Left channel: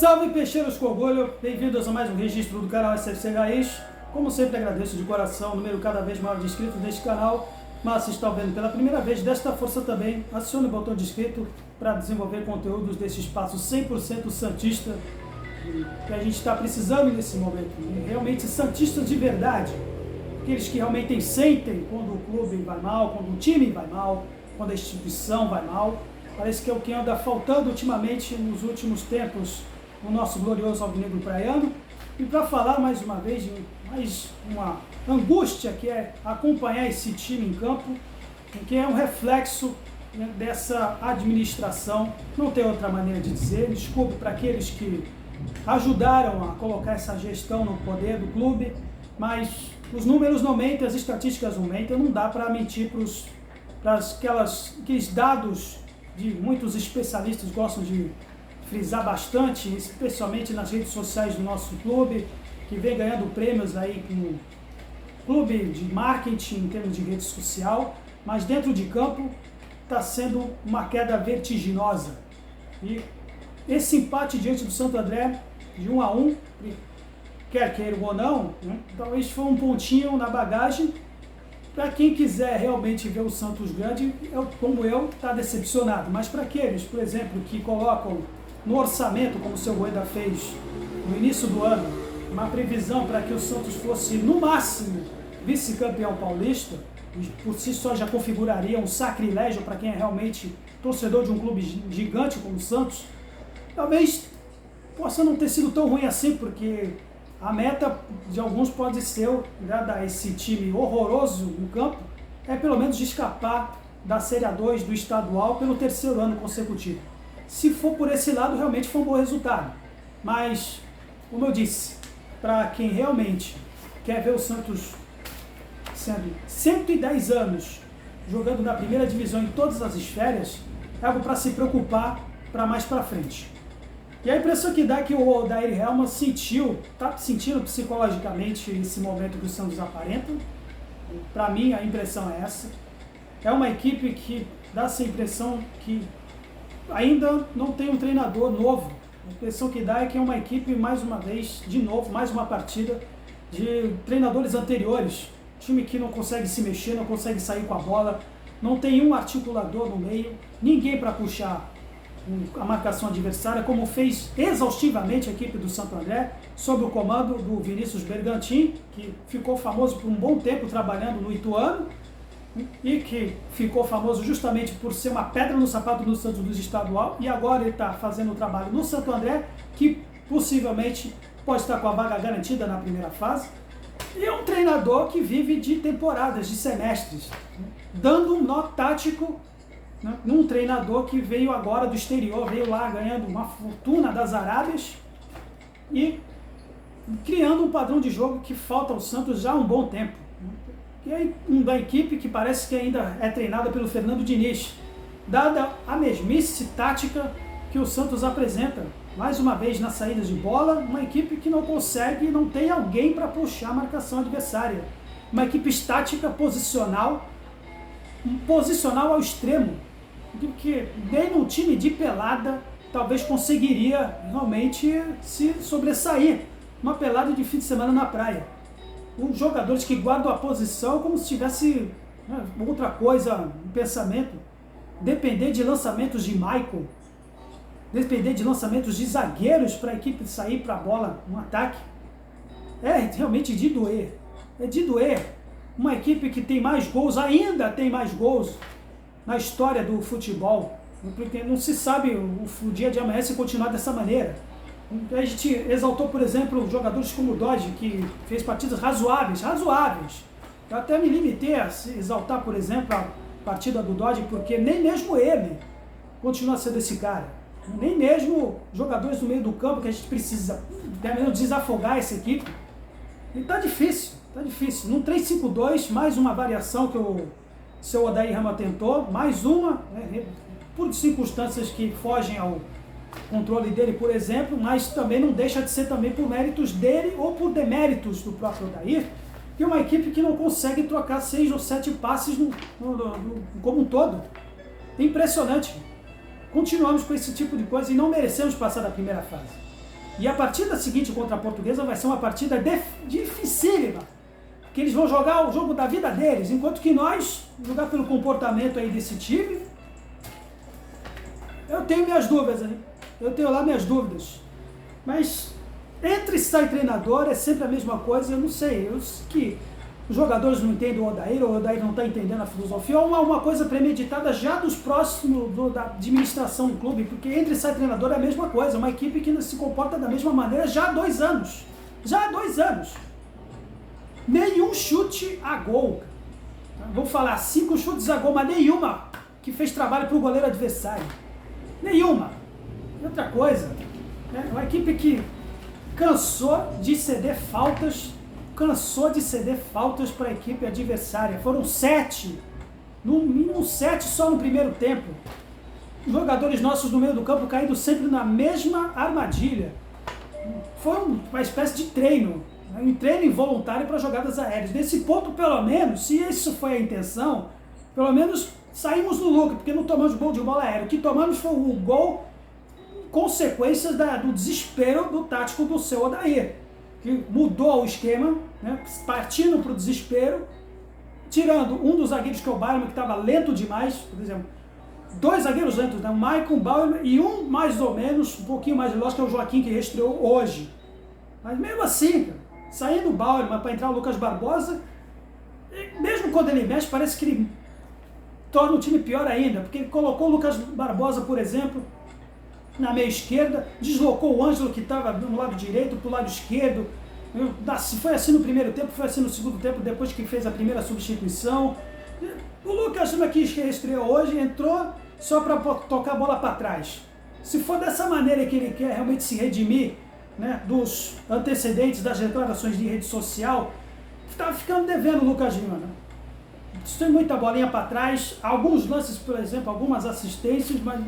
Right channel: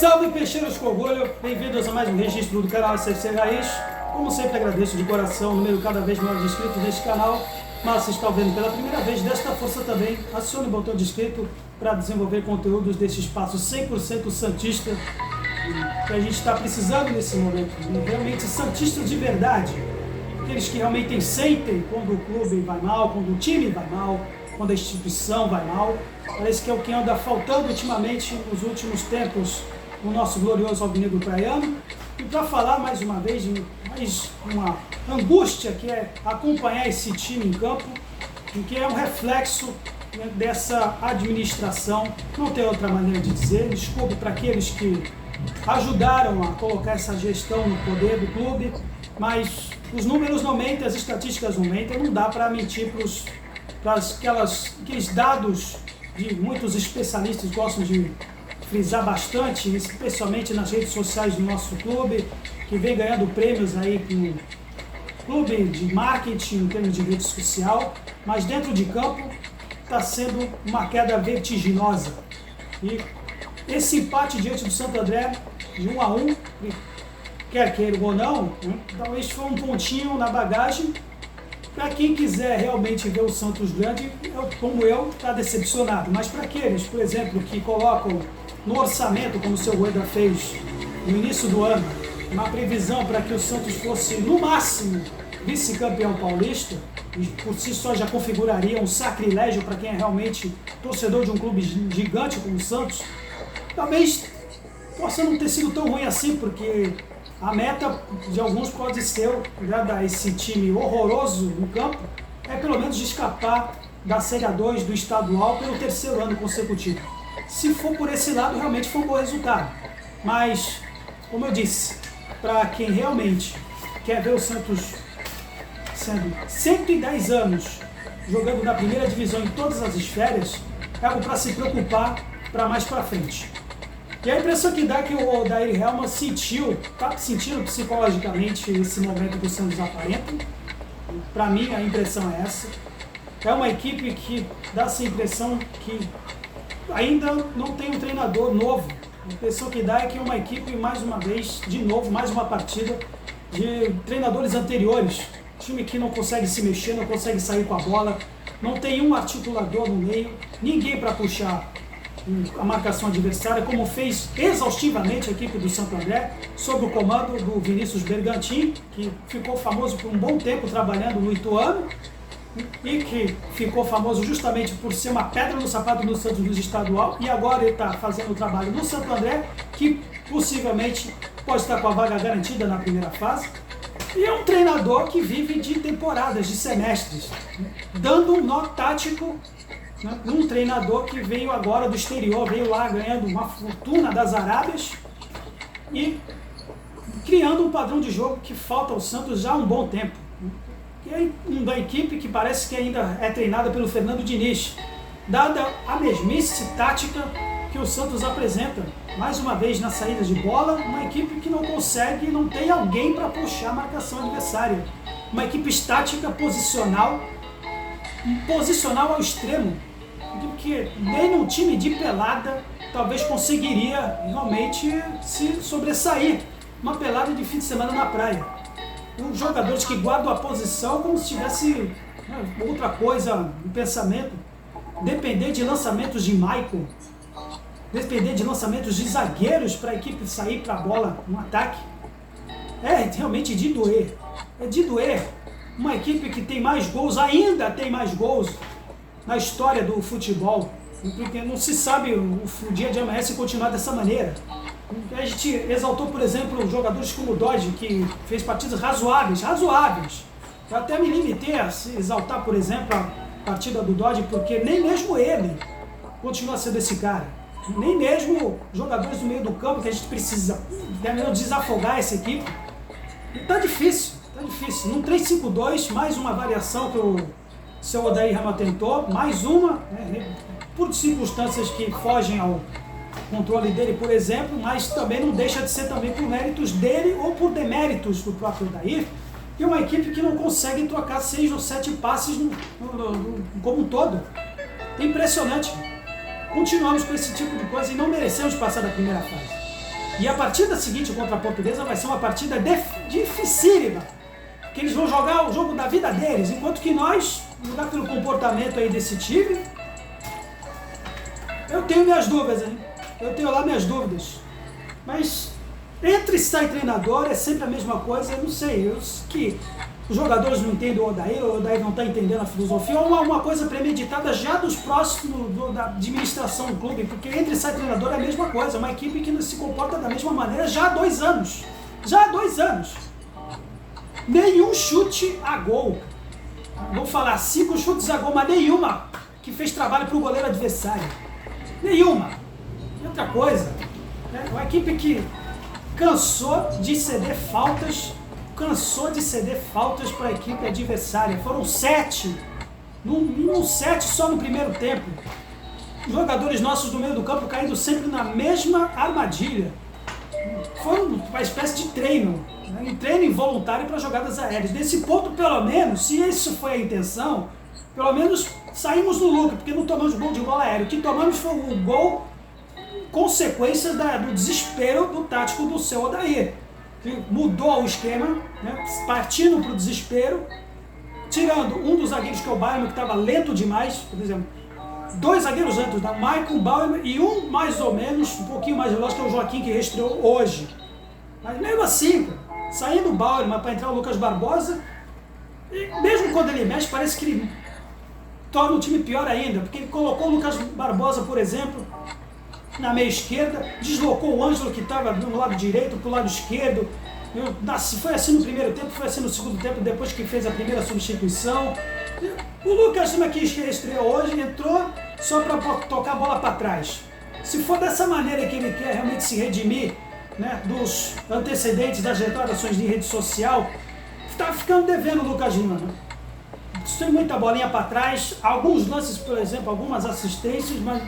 Salve peixeiros com orgulho, bem-vindos a mais um registro do canal SFC Raiz. Como sempre agradeço de coração o número cada vez maior de inscritos neste canal, mas se está vendo pela primeira vez, desta força também, acione o botão de inscrito para desenvolver conteúdos desse espaço 100% santista que a gente está precisando nesse momento, realmente santistas de verdade, aqueles que realmente sentem quando o clube vai mal, quando o time vai mal, quando a instituição vai mal. Parece que é o que anda faltando ultimamente nos últimos tempos no nosso glorioso alvinegro praiano. E para falar mais uma vez de mais uma angústia que é acompanhar esse time em campo, que é um reflexo, né, dessa administração, não tem outra maneira de dizer. Desculpe para aqueles que ajudaram a colocar essa gestão no poder do clube, mas os números não mentem, as estatísticas não mentem, não dá para mentir para aqueles dados de muitos especialistas gostam de frisar bastante, especialmente nas redes sociais do nosso clube, que vem ganhando prêmios aí no clube de marketing em termos de rede social, mas dentro de campo está sendo uma queda vertiginosa. E esse empate diante do Santo André, de 1-1, quer queiram ou não, né, talvez foi um pontinho na bagagem para quem quiser realmente ver o Santos grande, como eu, está decepcionado. Mas para aqueles, por exemplo, que colocam no orçamento, como o seu Rueda fez no início do ano, uma previsão para que o Santos fosse, no máximo, vice-campeão paulista, e por si só já configuraria um sacrilégio para quem é realmente torcedor de um clube gigante como o Santos, talvez possa não ter sido tão ruim assim, porque a meta de alguns pode ser, já dar esse time horroroso no campo, é pelo menos de escapar da Série A2 do estadual pelo terceiro ano consecutivo. Se for por esse lado, realmente foi um bom resultado. Mas, como eu disse, para quem realmente quer ver o Santos sendo 110 anos jogando na primeira divisão em todas as esferas, é algo para se preocupar para mais para frente. E a impressão que dá é que o Odair Hellmann está sentindo psicologicamente esse momento que o Santos aparenta. Para mim, a impressão é essa. É uma equipe que dá essa impressão que ainda não tem um treinador novo. A impressão que dá é que é uma equipe, mais uma vez, de novo, mais uma partida de treinadores anteriores. Time que não consegue se mexer, não consegue sair com a bola, não tem um articulador no meio, ninguém para puxar a marcação adversária, como fez exaustivamente a equipe do Santo André, sob o comando do Vinícius Bergantin, que ficou famoso por um bom tempo trabalhando no Ituano, e que ficou famoso justamente por ser uma pedra no sapato do Santos Luís estadual, e agora ele está fazendo o trabalho no Santo André, que possivelmente pode estar com a vaga garantida na primeira fase. E é um treinador que vive de temporadas, de semestres, dando um nó tático, né, um treinador que veio agora do exterior, veio lá ganhando uma fortuna das Arábias e criando um padrão de jogo que falta ao Santos já há um bom tempo. E é uma equipe que parece que ainda é treinada pelo Fernando Diniz, dada a mesmice tática que o Santos apresenta, mais uma vez na saída de bola, uma equipe que não consegue, não tem alguém para puxar a marcação adversária. Uma equipe estática, posicional ao extremo, de que nem num time de pelada talvez conseguiria realmente se sobressair. Uma pelada de fim de semana na praia. Os jogadores que guardam a posição como se tivesse, né, outra coisa no pensamento. Depender de lançamentos de Michael, depender de lançamentos de zagueiros para a equipe sair para a bola no ataque, é realmente de doer. É de doer. Uma equipe que tem mais gols, ainda tem mais gols na história do futebol, porque não se sabe o dia de amanhã se continuar dessa maneira. A gente exaltou, por exemplo, jogadores como o Dodge, que fez partidas razoáveis. Eu até me limitei a exaltar, por exemplo, a partida do Dodge, porque nem mesmo ele continua sendo esse cara. Nem mesmo jogadores do meio do campo que a gente precisa desafogar essa equipe. E tá difícil. No 3-5-2, mais uma variação que o seu Odair Hellmann tentou, mais uma, né, por circunstâncias que fogem ao controle dele, por exemplo, mas também não deixa de ser também por méritos dele ou por deméritos do próprio Odair, que é uma equipe que não consegue trocar 6 ou 7 passes como um todo. É impressionante. Continuamos com esse tipo de coisa e não merecemos passar da primeira fase. E a partida seguinte contra a Portuguesa vai ser uma partida dificílima, que eles vão jogar o jogo da vida deles, enquanto que nós, jogar pelo comportamento aí desse time, eu tenho minhas dúvidas, hein? Eu tenho lá minhas dúvidas. Mas entre sai treinador é sempre a mesma coisa, eu não sei, que os jogadores não entendem o Odair não está entendendo a filosofia, ou uma coisa premeditada já dos próximos da administração do clube, porque entre sai treinador é a mesma coisa, uma equipe que se comporta da mesma maneira já há 2 anos. Já há 2 anos. Nenhum chute a gol. Vou falar 5 chutes a gol, mas nenhuma que fez trabalho para o goleiro adversário. Nenhuma. E outra coisa, né? Uma equipe que cansou de ceder faltas para a equipe adversária. Foram 7. No mínimo 7 só no primeiro tempo. Os jogadores nossos do meio do campo caindo sempre na mesma armadilha. Foi uma espécie de treino, né? Um treino involuntário para jogadas aéreas. Nesse ponto, pelo menos, se isso foi a intenção, pelo menos saímos no lucro, porque não tomamos gol de bola aérea. O que tomamos foi um gol consequência do desespero do tático do seu Odair, que mudou o esquema, né, partindo para o desespero, tirando um dos zagueiros, que é o Bauerman, que estava lento demais, por exemplo, 2 zagueiros lentos, o Maicon, Bauerman, e um mais ou menos, um pouquinho mais veloz, que é o Joaquim, que estreou hoje. Mas mesmo assim, cara, saindo o Bauerman para entrar o Lucas Barbosa, mesmo quando ele mexe, parece que ele torna o time pior ainda, porque ele colocou o Lucas Barbosa, por exemplo, na meia esquerda, deslocou o Ângelo, que estava no lado direito, para o lado esquerdo. Foi assim no primeiro tempo, foi assim no segundo tempo, depois que fez a primeira substituição. O Lucas, que estreou hoje, entrou só para tocar a bola para trás. Se for dessa maneira que ele quer realmente se redimir, né, dos antecedentes das declarações de rede social, está ficando devendo o Lucas Lima. Né? Tem muita bolinha para trás, alguns lances, por exemplo, algumas assistências, mas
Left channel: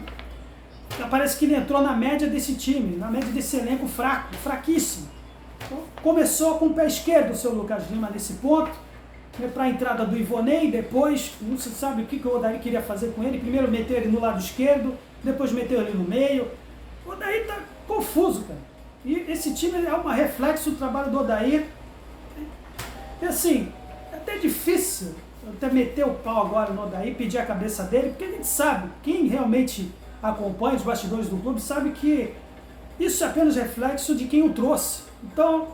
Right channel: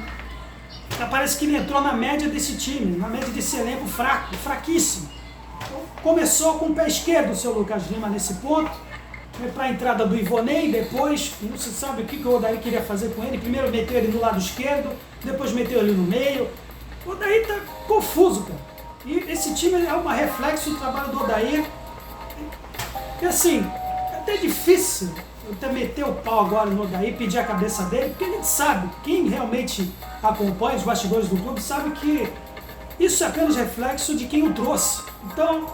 parece que ele entrou na média desse time, na média desse elenco fraco, fraquíssimo. Então, começou com o pé esquerdo o seu Lucas Lima nesse ponto, né, para a entrada do Ivonei, depois, não se sabe o que o Odair queria fazer com ele, primeiro meteu ele no lado esquerdo, depois meteu ele no meio. O Odair está confuso, cara. E esse time é um reflexo do trabalho do Odair. E assim, é até difícil eu até meter o pau agora no Odair, pedir a cabeça dele, porque a gente sabe, quem realmente acompanha os bastidores do clube sabe que isso é apenas reflexo de quem o trouxe. Então,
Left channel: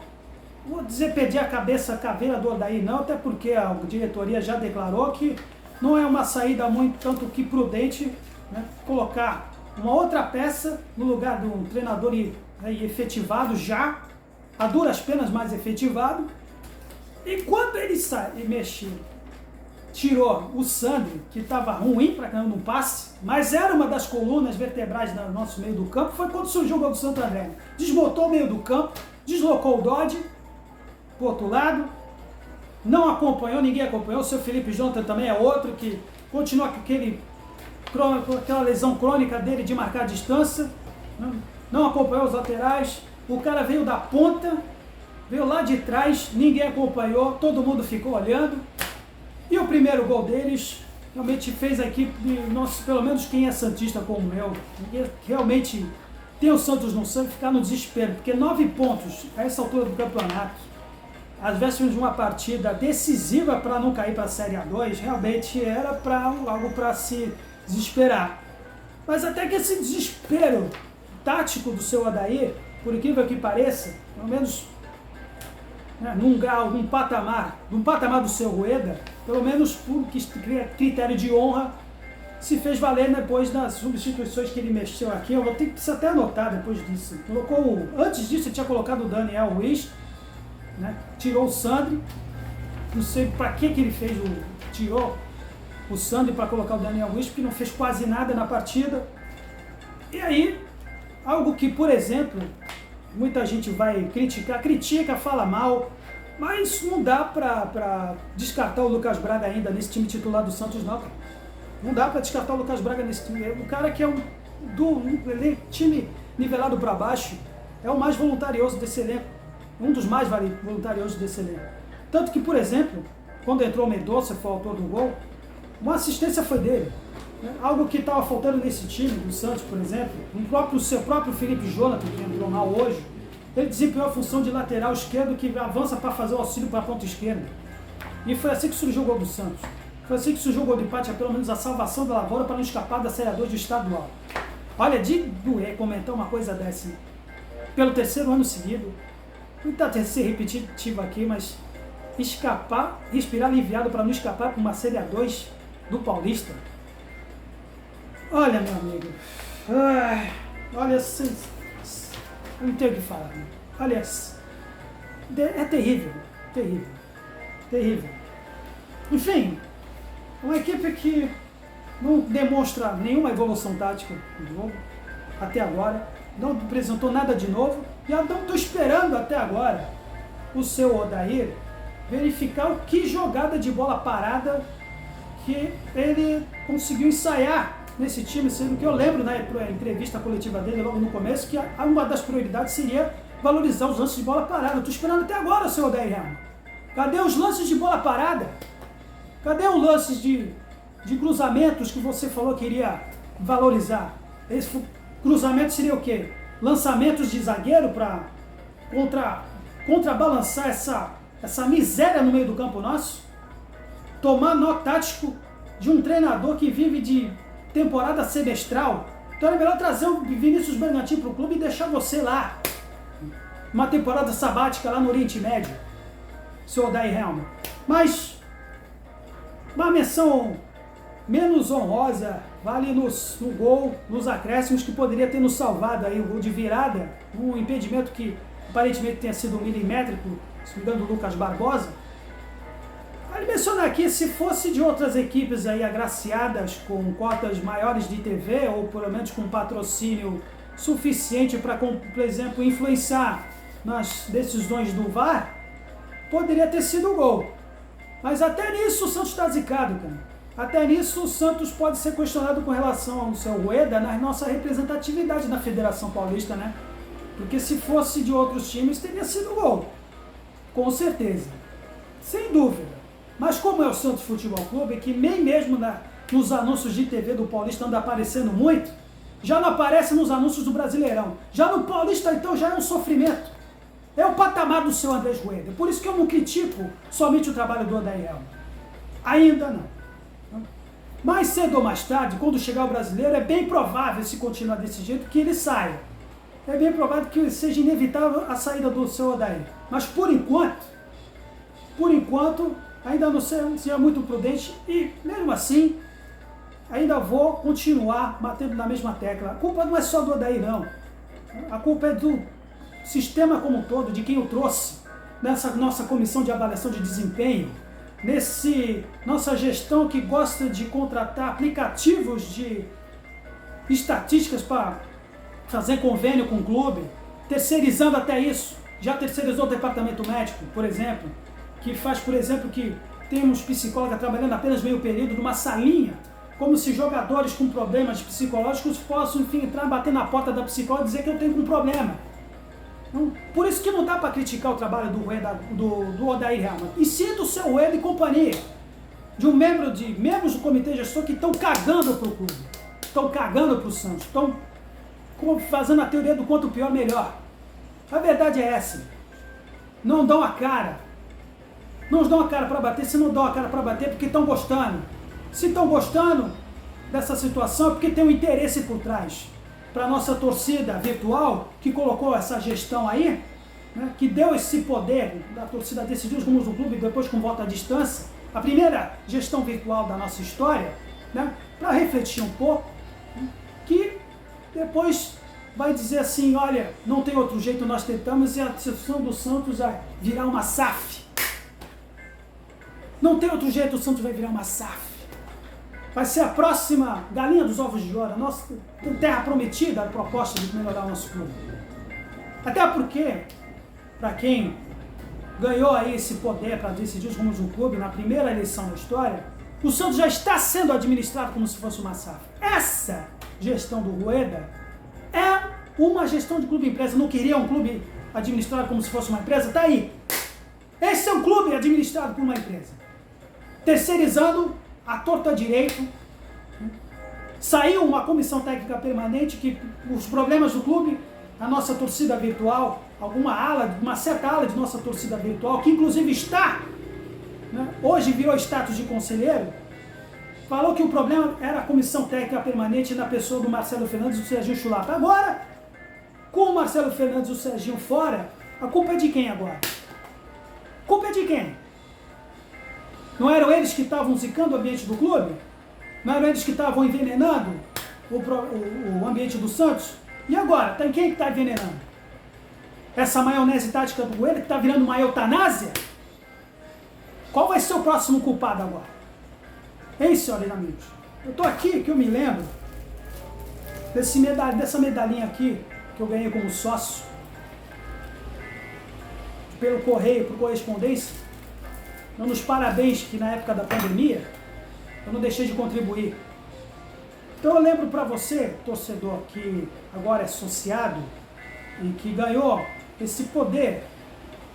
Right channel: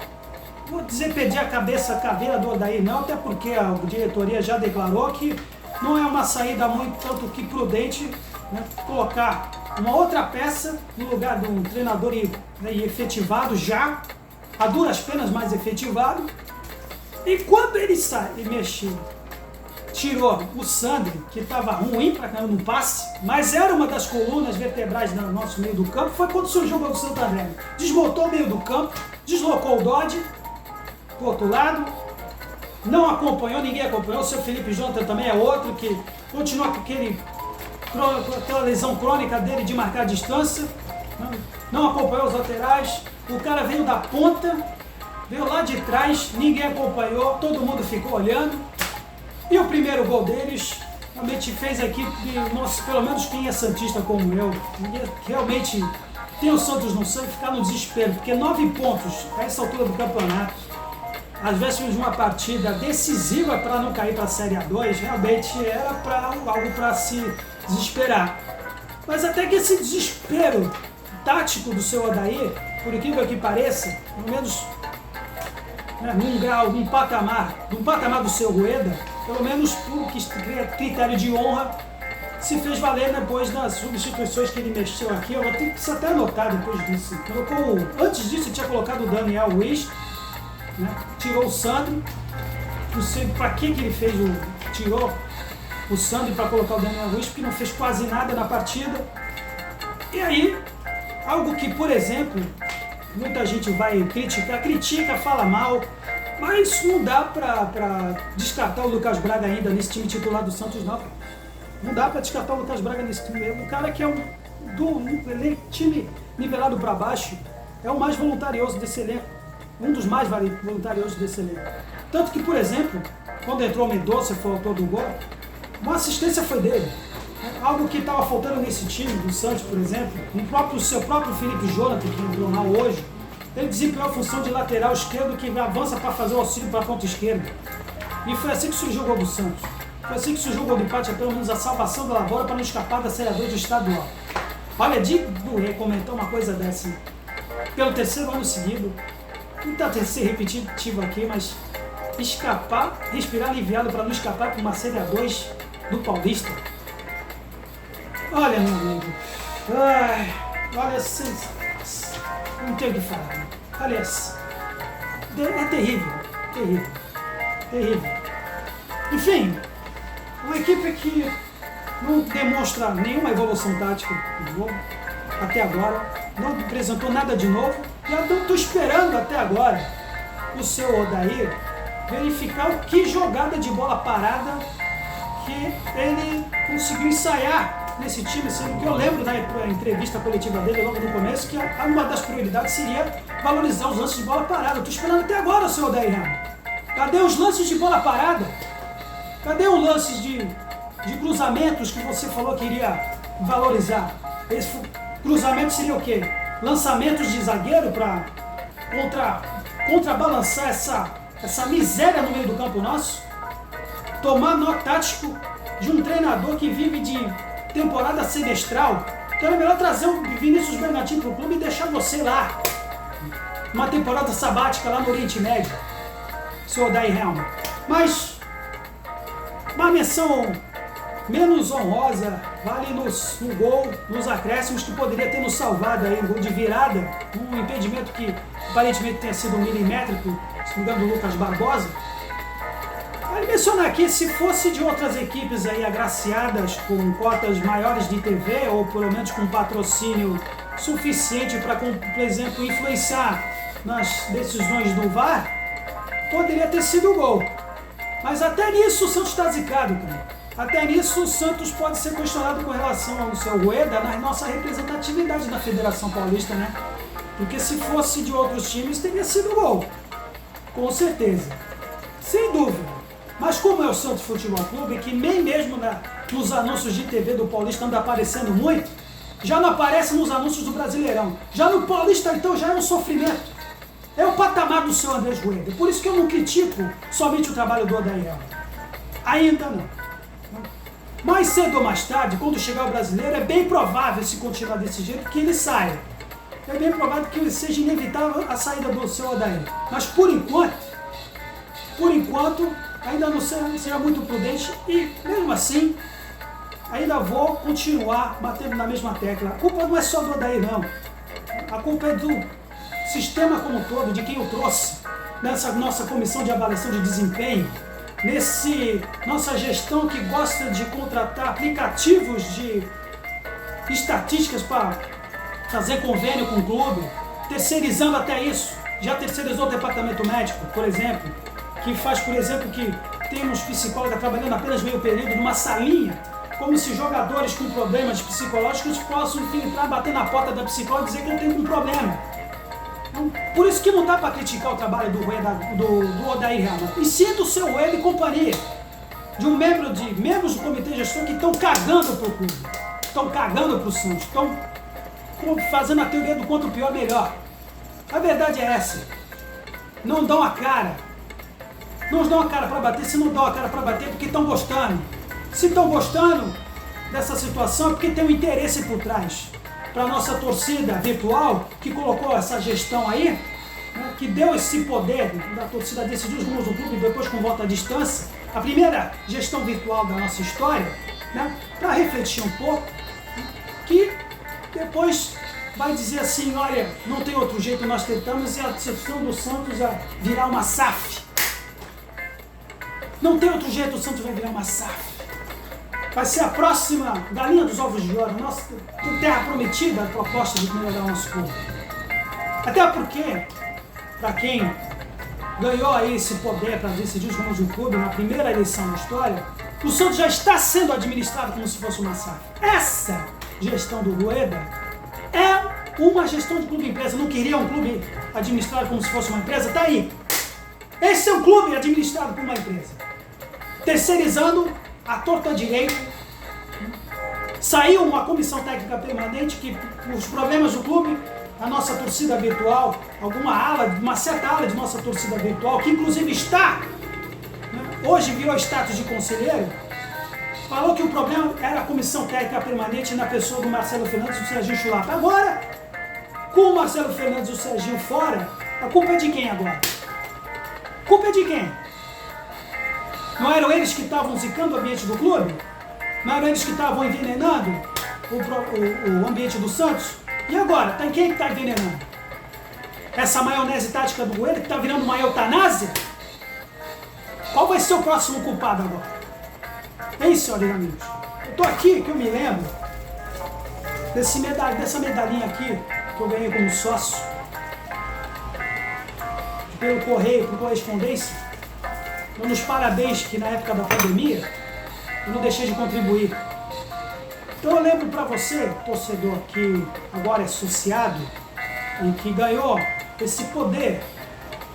vou dizer pedir a caveira do Odair não, até porque a diretoria já declarou que não é uma saída muito tanto que prudente, né, colocar uma outra peça no lugar de um treinador efetivado já, a duras penas mais efetivado. E quando ele sai e mexeu, tirou o Sandri, que estava ruim para caramba no passe, mas era uma das colunas vertebrais do nosso meio do campo, foi quando surgiu o gol do Santo André. Desmontou o meio do campo, deslocou o Dodge para o outro lado, não acompanhou, ninguém acompanhou. O seu Felipe Jonathan também é outro que continua com aquela lesão crônica dele de marcar a distância, não acompanhou os laterais. O cara veio da ponta, veio lá de trás, ninguém acompanhou, todo mundo ficou olhando. E o primeiro gol deles realmente fez a equipe, pelo menos quem é santista como eu, realmente tem o Santos no sangue, ficar no desespero, porque 9 pontos a essa altura do campeonato, às vésperas de uma partida decisiva para não cair para a Série A2, realmente era algo para se desesperar. Mas até que esse desespero tático do seu Odair, por incrível que pareça, pelo menos, né, num grau, num patamar do seu Rueda, pelo menos por critério de honra, se fez valer depois das substituições que ele mexeu aqui. Eu vou ter que até anotar depois disso. Antes disso, ele tinha colocado o Daniel Wish, né, tirou o Sandri, não sei para que ele fez tirou o Sandri para colocar o Daniel Wish, porque não fez quase nada na partida. E aí, algo que, por exemplo, muita gente vai critica, fala mal, mas não dá para descartar o Lucas Braga ainda nesse time titular do Santos, não. Não dá para descartar o Lucas Braga nesse time. O cara que é time nivelado para baixo, é o mais voluntarioso desse elenco. Um dos mais voluntariosos desse elenco. Tanto que, por exemplo, quando entrou o Mendonça, foi o autor do gol, uma assistência foi dele. Algo que estava faltando nesse time do Santos, por exemplo, o seu próprio Felipe Jonathan, que entrou mal hoje, Ele desempenhou a função de lateral esquerdo que avança para fazer o auxílio para a ponta esquerda. E foi assim que surgiu o gol do Santos. Foi assim que surgiu o gol do empate, é pelo menos a salvação da lavoura para não escapar da Série A2 do estadual. Olha, de doer comentar uma coisa dessa. Pelo terceiro ano seguido, não está ser repetitivo aqui, mas escapar, respirar aliviado para não escapar para uma Série A2 do Paulista. Olha, meu amigo. Ai, olha, não tenho o que falar. Né? Olha, é terrível, terrível, terrível. Enfim, uma equipe que não demonstra nenhuma evolução tática no jogo, até agora, não apresentou nada de novo, e eu estou esperando até agora o seu Odair verificar o que jogada de bola parada que ele conseguiu ensaiar nesse time, sendo que eu lembro da entrevista coletiva dele logo no começo que uma das prioridades seria valorizar os lances de bola parada. Eu estou esperando até agora o seu Odair Helma. Cadê os lances de bola parada? Cadê os lances de cruzamentos que você falou que iria valorizar? Esse cruzamento seria o quê? Lançamentos de zagueiro para contrabalançar essa miséria no meio do campo nosso? Tomar nó tático de um treinador que vive de temporada semestral? Então é melhor trazer o Vinícius Bernardinho para o clube e deixar você lá. Uma temporada sabática lá no Oriente Médio, seu Odair Helma. Mas uma menção menos honrosa vale no gol, nos acréscimos, que poderia ter nos salvado aí, um gol de virada, um impedimento que aparentemente tenha sido milimétrico, se não me engano, do Lucas Barbosa. Vale mencionar aqui, se fosse de outras equipes aí agraciadas com cotas maiores de TV, ou pelo menos com patrocínio suficiente para, por exemplo, influenciar nas decisões do VAR, poderia ter sido gol. Mas até nisso o Santos está zicado, cara. Até nisso o Santos pode ser questionado com relação ao seu Rueda na nossa representatividade na Federação Paulista, né? Porque se fosse de outros times, teria sido gol. Com certeza. Sem dúvida. Mas como é o Santos Futebol Clube, que nem mesmo nos anúncios de TV do Paulista anda aparecendo muito, já não aparece nos anúncios do Brasileirão. Já no Paulista, então, já é um sofrimento. É o patamar do seu Andrés Rueda. Por isso que eu não critico somente o trabalho do Odair Helma. Ainda não. Mais cedo ou mais tarde, quando chegar o Brasileiro, é bem provável, se continuar desse jeito, que ele saia. É bem provável que seja inevitável a saída do seu Odair. Mas por enquanto, ainda não será muito prudente e, mesmo assim, ainda vou continuar batendo na mesma tecla. A culpa não é só do Odair, não. A culpa é do sistema como um todo, de quem o trouxe nessa nossa comissão de avaliação de desempenho, nossa gestão que gosta de contratar aplicativos de estatísticas para fazer convênio com o clube, terceirizando até isso. Já terceirizou o departamento médico, por exemplo, que faz, por exemplo, que temos psicóloga trabalhando apenas meio período numa salinha, como se jogadores com problemas psicológicos possam infiltrar, bater na porta da psicóloga e dizer que eu tenho um problema. Por isso que não dá para criticar o trabalho do Odair Helma, e sim do seu Rueda e companhia, de membros do comitê gestor que estão cagando para o clube, estão cagando para o Santos, estão fazendo a teoria do quanto pior, melhor. A verdade é essa. Não dão a cara. Não dão a cara para bater. Se não dão a cara para bater, é porque estão gostando. Se estão gostando dessa situação, é porque tem um interesse por trás. Para a nossa torcida virtual, que colocou essa gestão aí, né, que deu esse poder da torcida decidir os rumos do clube depois com voto à distância, a primeira gestão virtual da nossa história, né, para refletir um pouco, né, que depois vai dizer assim, olha, não tem outro jeito, nós tentamos, e a gestão do Santos vai virar uma SAF. Não tem outro jeito, o Santos vai virar uma SAF. Vai ser a próxima galinha dos ovos de ouro, nossa terra prometida, a proposta de melhorar o nosso clube. Até porque, para quem ganhou aí esse poder para decidir os rumos do clube na primeira eleição da história, o Santos já está sendo administrado como se fosse uma SAF. Essa gestão do Rueda é uma gestão de clube-empresa. Não queria um clube administrado como se fosse uma empresa? Tá aí. Esse é um clube administrado por uma empresa. Terceirizando a torta direito. Saiu uma comissão técnica permanente que os problemas do clube a nossa torcida virtual, uma certa ala de nossa torcida virtual, que inclusive está, né, hoje virou status de conselheiro, falou que o problema era a comissão técnica permanente na pessoa do Marcelo Fernandes e do Serginho Chulapa. Agora, com o Marcelo Fernandes e o Serginho fora, a culpa é de quem agora? A culpa é de quem? Não eram eles que estavam zicando o ambiente do clube? Não eram eles que estavam envenenando o ambiente do Santos? E agora? Tá em quem que está envenenando? Essa maionese tática do Goelho que está virando uma eutanásia? Qual vai ser o próximo culpado agora? Hein, senhores amigos? Eu tô aqui, que eu me lembro, dessa medalhinha aqui, que eu ganhei como sócio, pelo correio, por correspondência, dando os parabéns que na época da pandemia, eu não deixei de contribuir. Então eu lembro para você, torcedor, que agora é associado e que ganhou esse poder,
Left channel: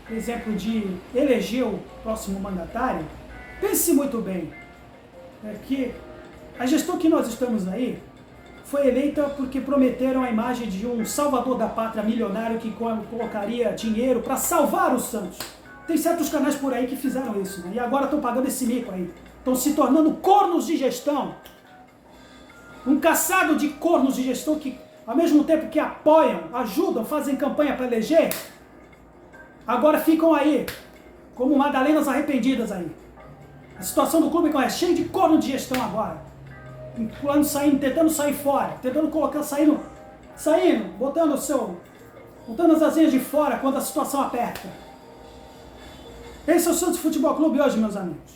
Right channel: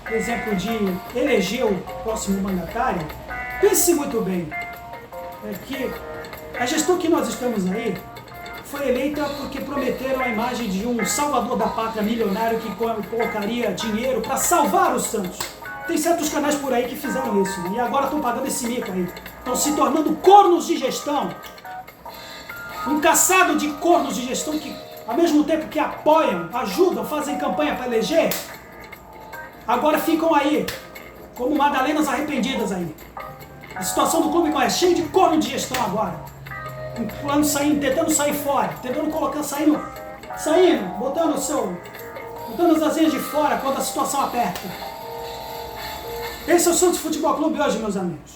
por exemplo, de eleger o próximo mandatário, pense muito bem, que a gestão que nós estamos aí foi eleita porque prometeram a imagem de um salvador da pátria milionário que colocaria dinheiro para salvar o Santos. Tem certos canais por aí que fizeram isso, né? E agora estão pagando esse mico aí. Estão se tornando cornos de gestão. Um caçado de cornos de gestão que, ao mesmo tempo que apoiam, ajudam, fazem campanha para eleger, agora ficam aí, como Madalenas arrependidas aí. A situação do clube é cheia de corno de gestão agora. Tentando sair fora, tentando colocar, saindo, botando as asinhas de fora quando a situação aperta. Esse é o Santos Futebol Clube hoje, meus amigos.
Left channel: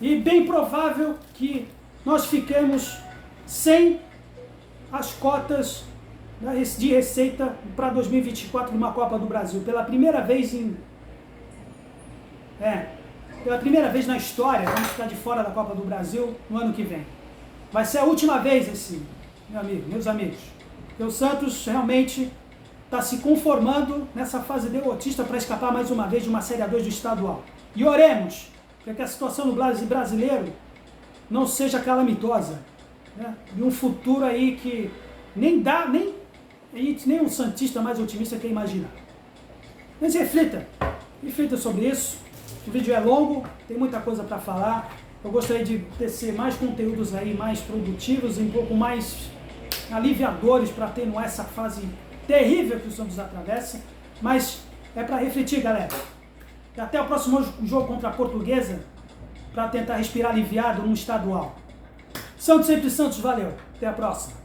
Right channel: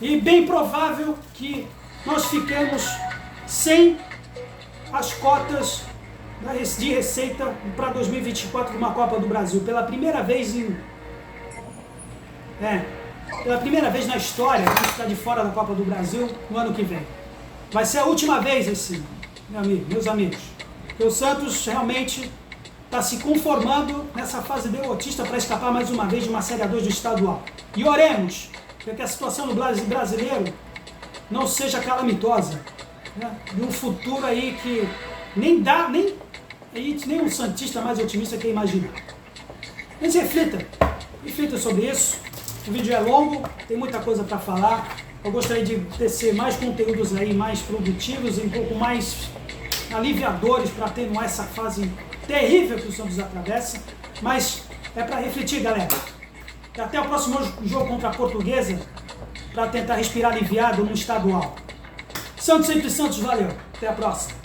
E bem provável que nós fiquemos sem as cotas de receita para 2024 de uma Copa do Brasil. Pela primeira vez na história, vamos ficar de fora da Copa do Brasil no ano que vem. Vai ser a última vez assim, meus amigos. Porque o Santos realmente está se conformando nessa fase derrotista para escapar mais uma vez de uma Série A2 do estadual. E oremos para que a situação do brasileiro não seja calamitosa, né? De um futuro aí que nem um santista mais otimista quer imaginar. Mas reflita sobre isso. O vídeo é longo, tem muita coisa para falar. Eu gostaria de tecer mais conteúdos aí, mais produtivos e um pouco mais aliviadores para atenuar essa fase terrível que o Santos atravessa. Mas é para refletir, galera. E até o próximo jogo contra a Portuguesa, para tentar respirar aliviado no estadual. Santos sempre Santos, valeu. Até a próxima.